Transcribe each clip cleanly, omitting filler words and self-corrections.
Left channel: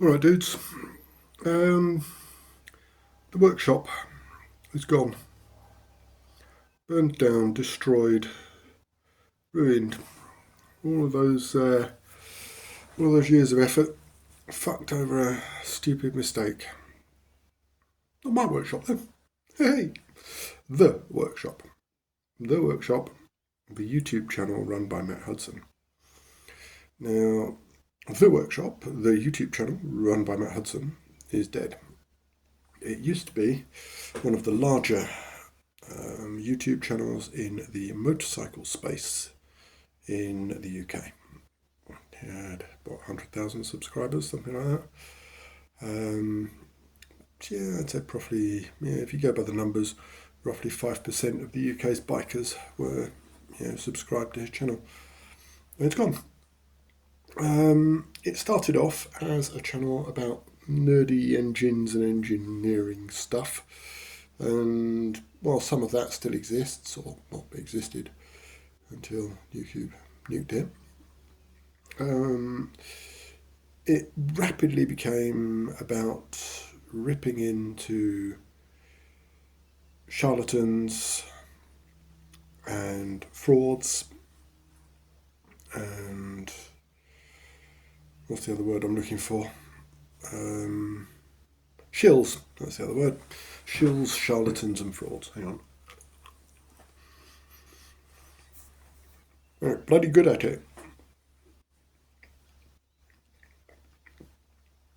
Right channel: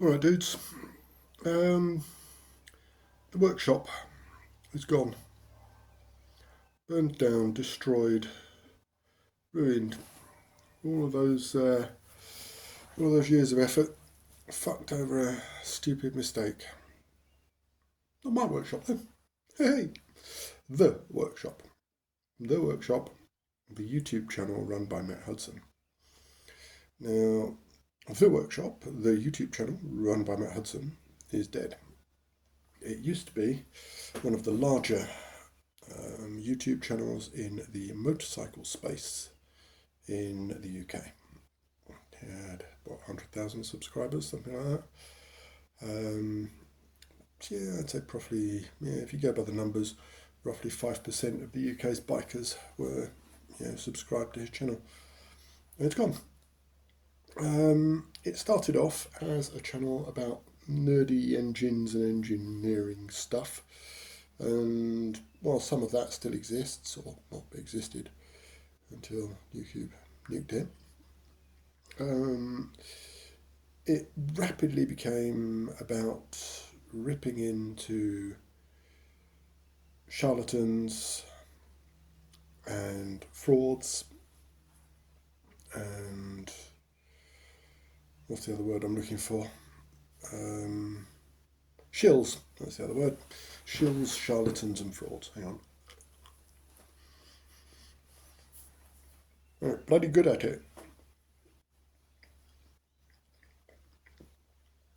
Alright, dudes. The workshop is gone. Burned down, destroyed, ruined. All of those years of effort fucked over a stupid mistake. Not my workshop, though. Hey! The workshop. The workshop, the YouTube channel run by Matt Hudson. Now, the workshop, the YouTube channel run by Matt Hudson, is dead. It used to be one of the larger YouTube channels in the motorcycle space in the UK. It had about 100,000 subscribers, something like that. Yeah, I'd say probably, if you go by the numbers, roughly 5% of the UK's bikers were subscribed to his channel. And it's gone. It started off as a channel about nerdy engines and engineering stuff. And while some of that still exists, or not existed until YouTube nuked it, it rapidly became about ripping into charlatans and frauds and what's the other word I'm looking for? Shills, that's the other word. Shills, charlatans and frauds. Hang on. They're bloody good at it.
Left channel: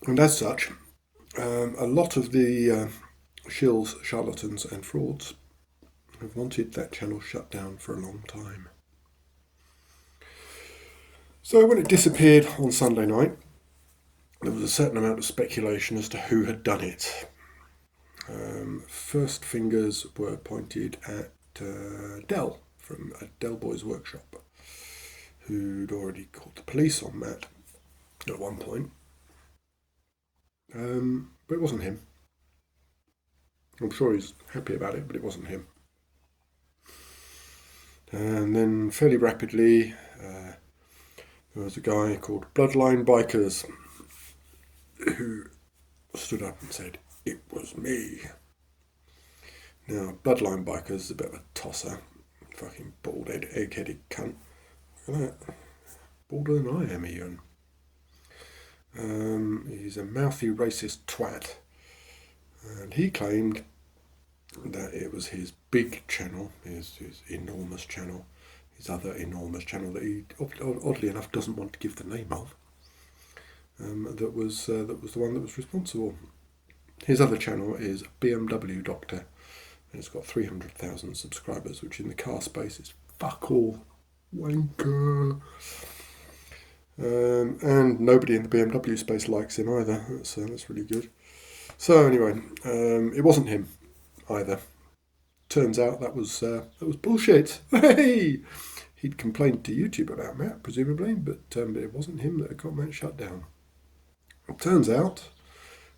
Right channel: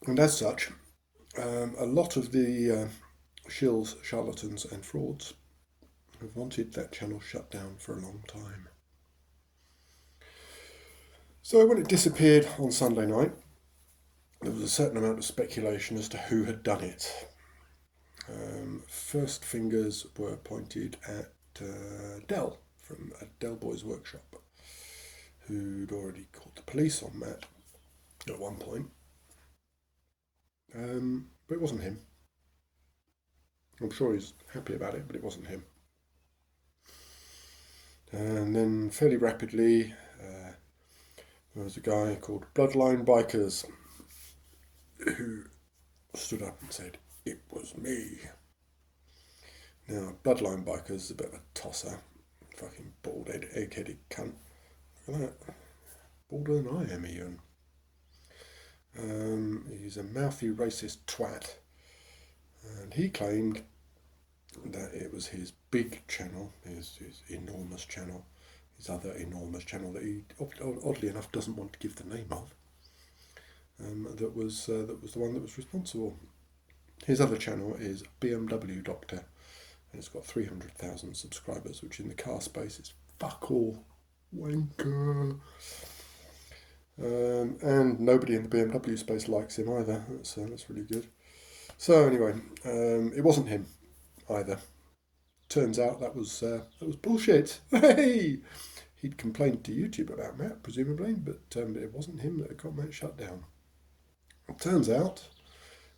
And as such, a lot of the shills, charlatans and frauds have wanted that channel shut down for a long time. So when it disappeared on Sunday night, there was a certain amount of speculation as to who had done it. First fingers were pointed at Dell from Dell Boys Workshop, who'd already called the police on Matt at one point. But it wasn't him. I'm sure he's happy about it, but it wasn't him. And then fairly rapidly, there was a guy called Bloodline Bikers who stood up and said, "It was me." Now, Bloodline Bikers is a bit of a tosser. Fucking bald-headed, egg-headed cunt. Look at that. Balder than I am, Ian. He's a mouthy racist twat. And he claimed that it was his big channel, his enormous channel, his other enormous channel that he, oddly enough, doesn't want to give the name of, that was the one that was responsible. His other channel is BMW Doctor, and it's got 300,000 subscribers, which in the car space is fuck all. Wanker. And nobody in the BMW space likes him either. That's really good. So anyway, it wasn't him either. Turns out that was bullshit. Hey, he'd complained to YouTube about Matt, presumably, but it wasn't him that had got Matt shut down. It turns out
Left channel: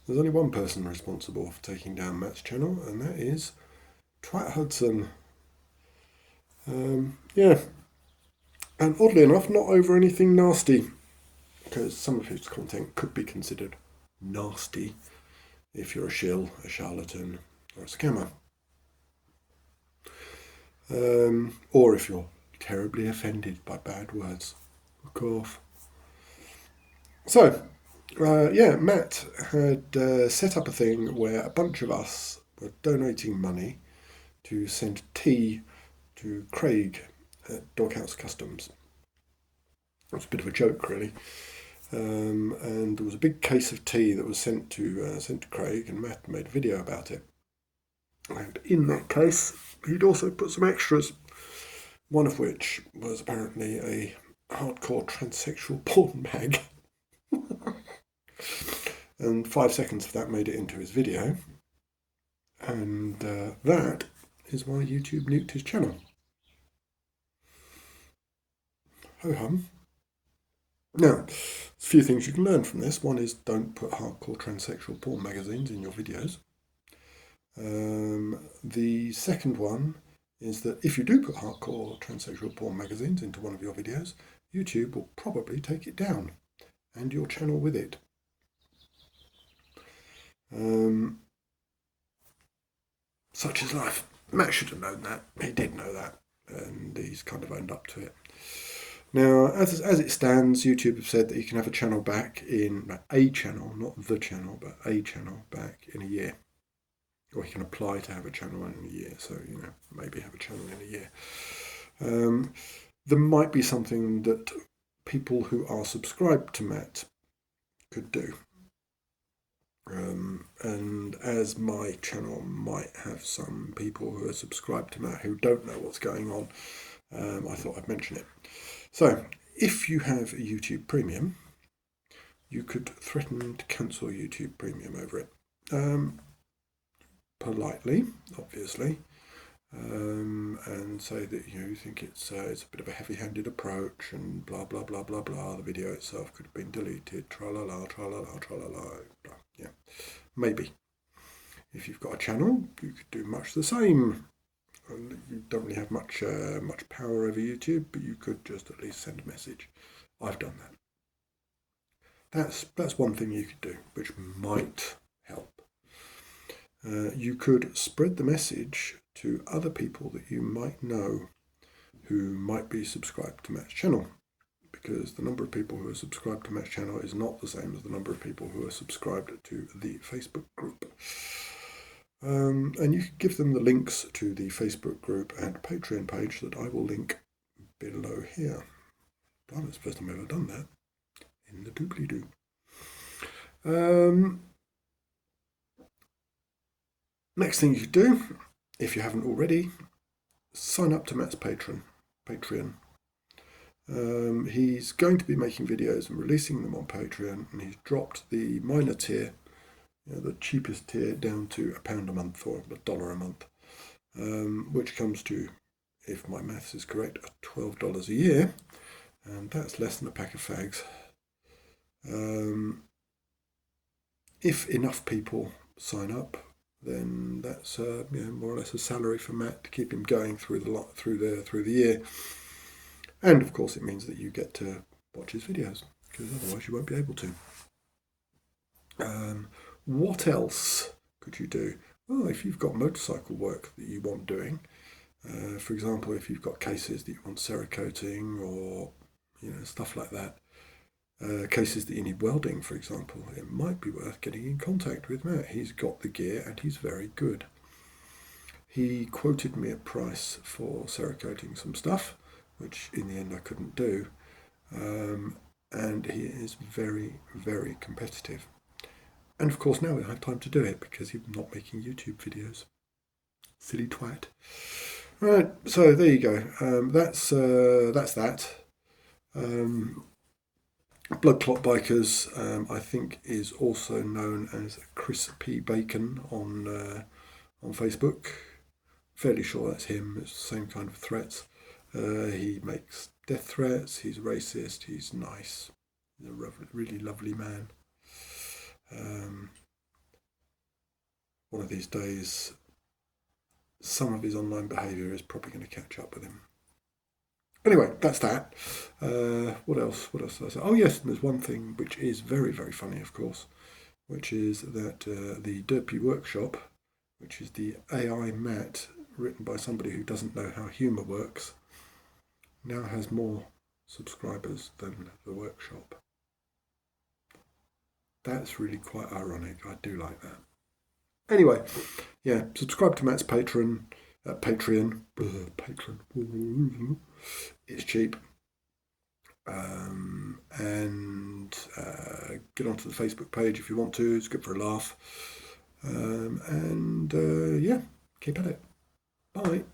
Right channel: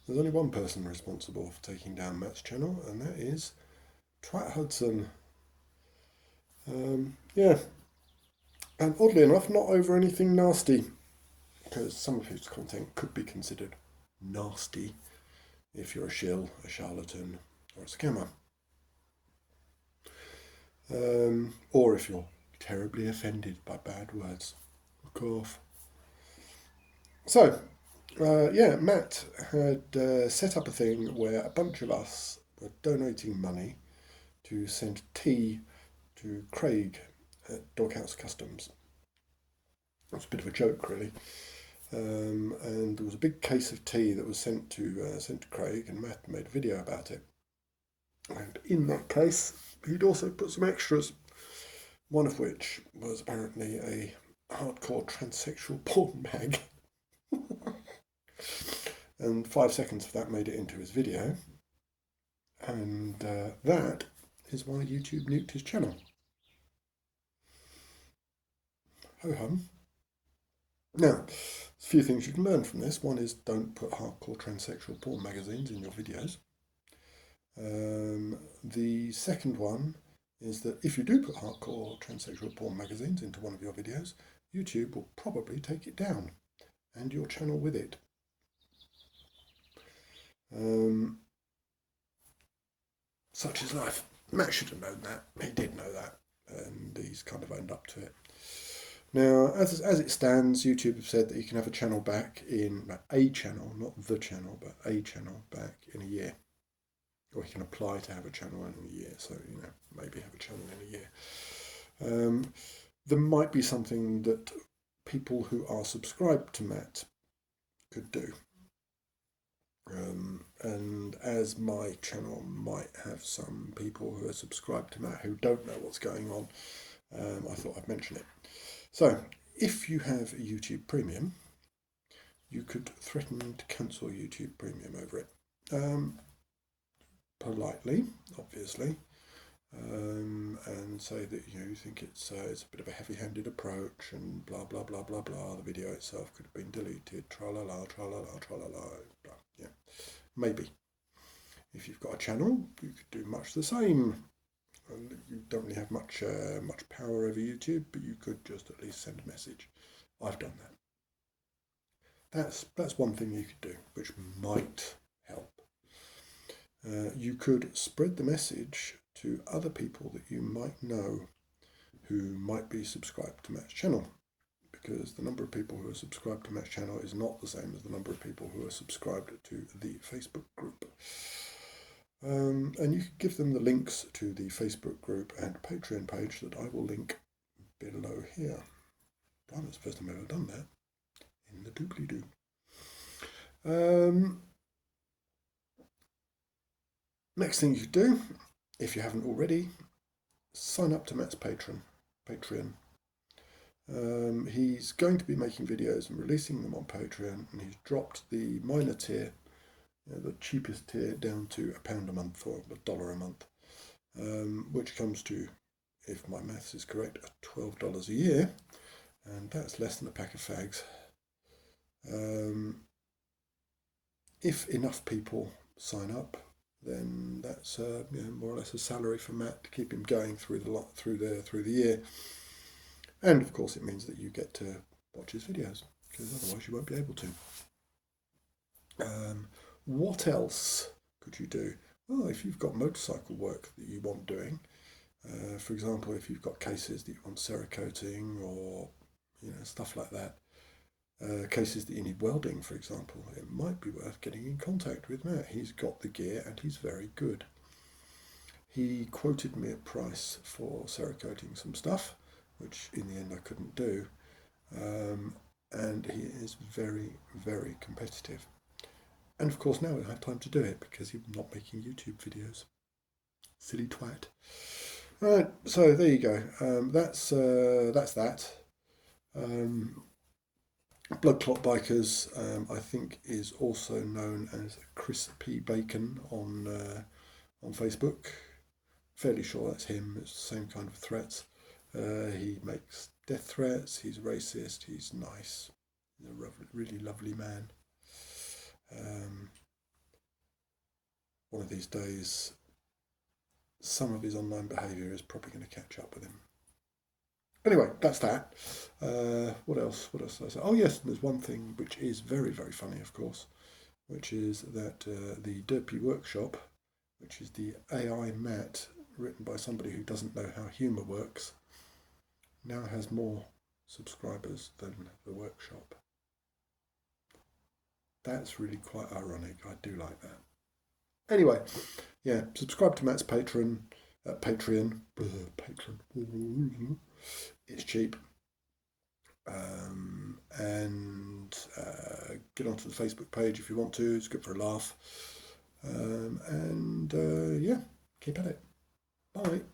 there's only one person responsible for taking down Matt's channel, and that is Twat Hudson. Yeah. And oddly enough, not over anything nasty, because some of his content could be considered nasty if you're a shill, a charlatan, or a scammer. Or if you're terribly offended by bad words. Fuck off. So, Matt had set up a thing where a bunch of us were donating money to send tea to Craig at Doghouse Customs. It was a bit of a joke, really. And there was a big case of tea that was sent to Craig, and Matt made a video about it. And in that case, he'd also put some extras, one of which was apparently a hardcore transsexual porn mag. And 5 seconds of that made it into his video. And that is why YouTube nuked his channel. Ho-hum. Now, a few things you can learn from this. One is don't put hardcore transsexual porn magazines in your videos. The second one is that if you do put hardcore transsexual porn magazines into one of your videos, YouTube will probably take it down, and your channel with it. Such is life. Matt should have known that. He did know that, and he's kind of owned up to it. Now, as it stands, YouTube have said that you can have a channel back in a channel, not the channel, but a channel back in a year. Or you can apply to have a channel in a year, so, maybe have a channel in a year. There might be something that people who are subscribed to Matt could do. And as my channel might have some people who are subscribed to Matt who don't know what's going on, I thought I'd mention it. So, if you have a YouTube Premium, you could threaten to cancel YouTube Premium over it. Politely, obviously, and say that you think it's a bit of a heavy-handed approach and blah, blah, blah, blah, blah. The video itself could have been deleted, tra-la-la, tra-la-la, tra-la-la, blah. Yeah, maybe. If you've got a channel, you could do much the same. You don't really have much power over YouTube, but you could just at least send a message. I've done that. That's one thing you could do, which might help. You could spread the message to other people that you might know who might be subscribed to Matt's channel, because the number of people who are subscribed to Matt's channel is not the same as the number of people who are subscribed to the Facebook group. And you can give them the links to the Facebook group and Patreon page that I will link below here. It's the first time I've ever done that in the doobly-doo. Next thing you could do, if you haven't already, sign up to Matt's Patreon. He's going to be making videos and releasing them on Patreon, and he's dropped the minor tier, the cheapest tier, down to £1 a month or $1 a month, which comes to, if my maths is correct, $12 a year, and that's less than a pack of fags. If enough people sign up, then that's more or less a salary for Matt to keep him going through the year. And of course, it means that you get to watch his videos, because otherwise you won't be able to. What else could you do? Well, if you've got motorcycle work that you want doing, for example, if you've got cases that you want Cerakoting or stuff like that, cases that you need welding, for example, it might be worth getting in contact with Matt. He's got the gear and he's very good. He quoted me a price for Cerakoting some stuff, which in the end I couldn't do, and he is very, very competitive. And of course now I have time to do it because he's not making YouTube videos. Silly twat. Right, so there you go. That's that. Blood Clot Bikers, I think, is also known as Chris P. Bacon on Facebook. Fairly sure that's him. It's the same kind of threats. He makes death threats. He's racist. He's nice. He's a really lovely man. One of these days, some of his online behaviour is probably going to catch up with him. Anyway, that's that. What else did I say? Oh yes, and there's one thing which is very, very funny, of course, which is that the Derpy Workshop, which is the AI Matt written by somebody who doesn't know how humour works, now has more subscribers than the workshop. That's really quite ironic. I do like that. Anyway, yeah, subscribe to Matt's Patreon. Patreon. It's cheap. And get onto the Facebook page if you want to. It's good for a laugh. Yeah, keep at it. Bye.